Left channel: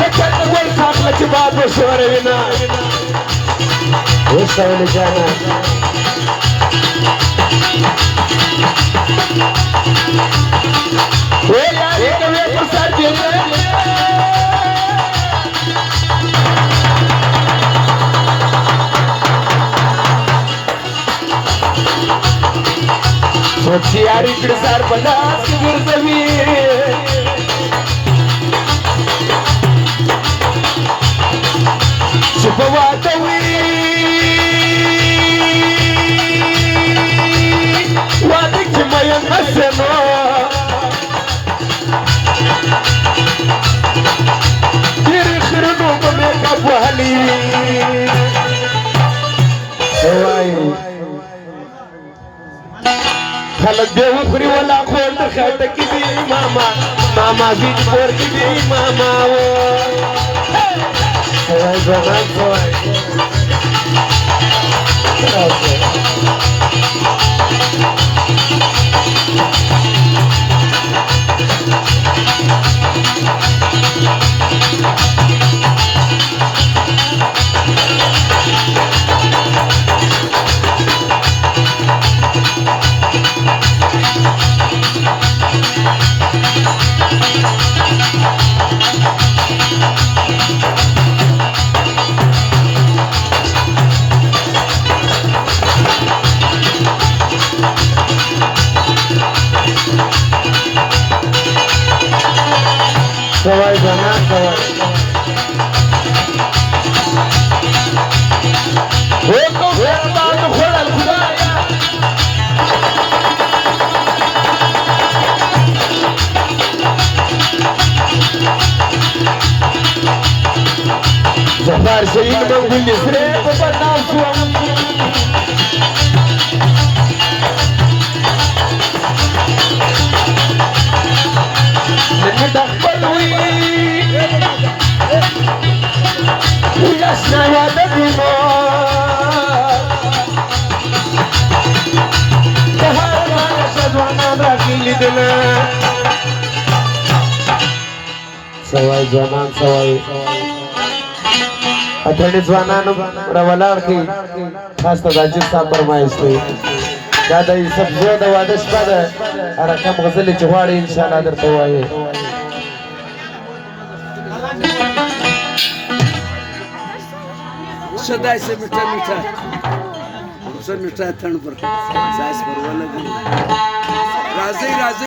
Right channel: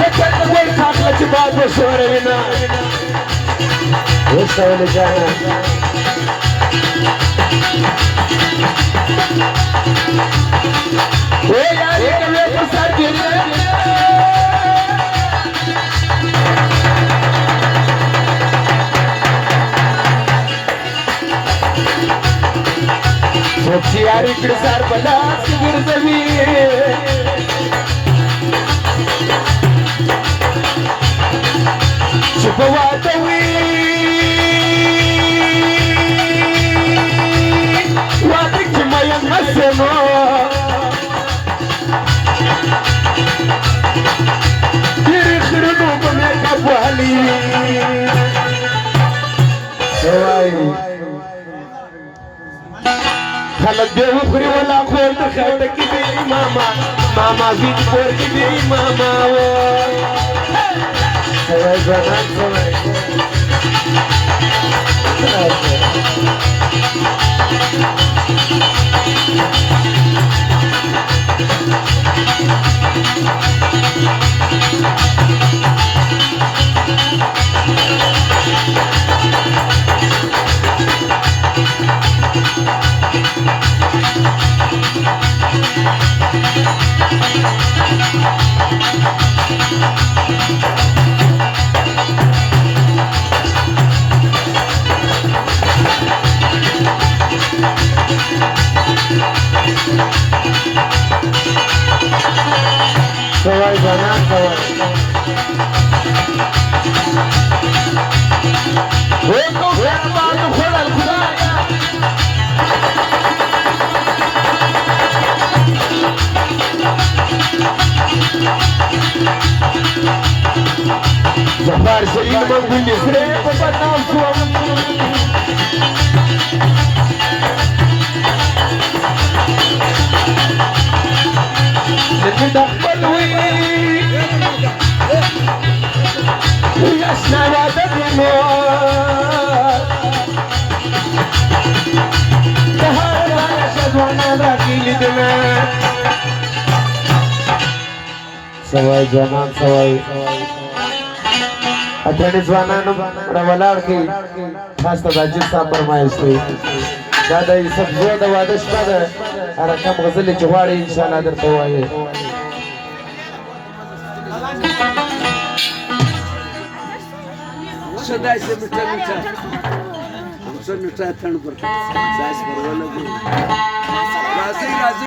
شكرا نقول فاطمة جباب وشورينا وصل جانا ويا ريت ما تصدق وتشياري كرسار بنا سير زمين شوفوا توي وادك ما ينقسم يخرجوا بميك ابو علي خلق دے وخری ولا خول دخات کی دی ماما ماما زید پور کی دی ماما سوای بنان سوای بنان سوای ويكو فرمان خلال الخبايا زفار سيد موجود يسري وبطال سوام ويا السنة دمار سوای جانان سوای اتھنی زوانانو روالار کی خاص تداجی صاحب فرمائش تھی دادا یہ سب زیادہ وعدش کا ہے ارکم غزل جواری انشاءاللہ در پوائے صدای سے میٹھا میٹھا سے میٹھا تھن پر سائس پر والا راضی راضی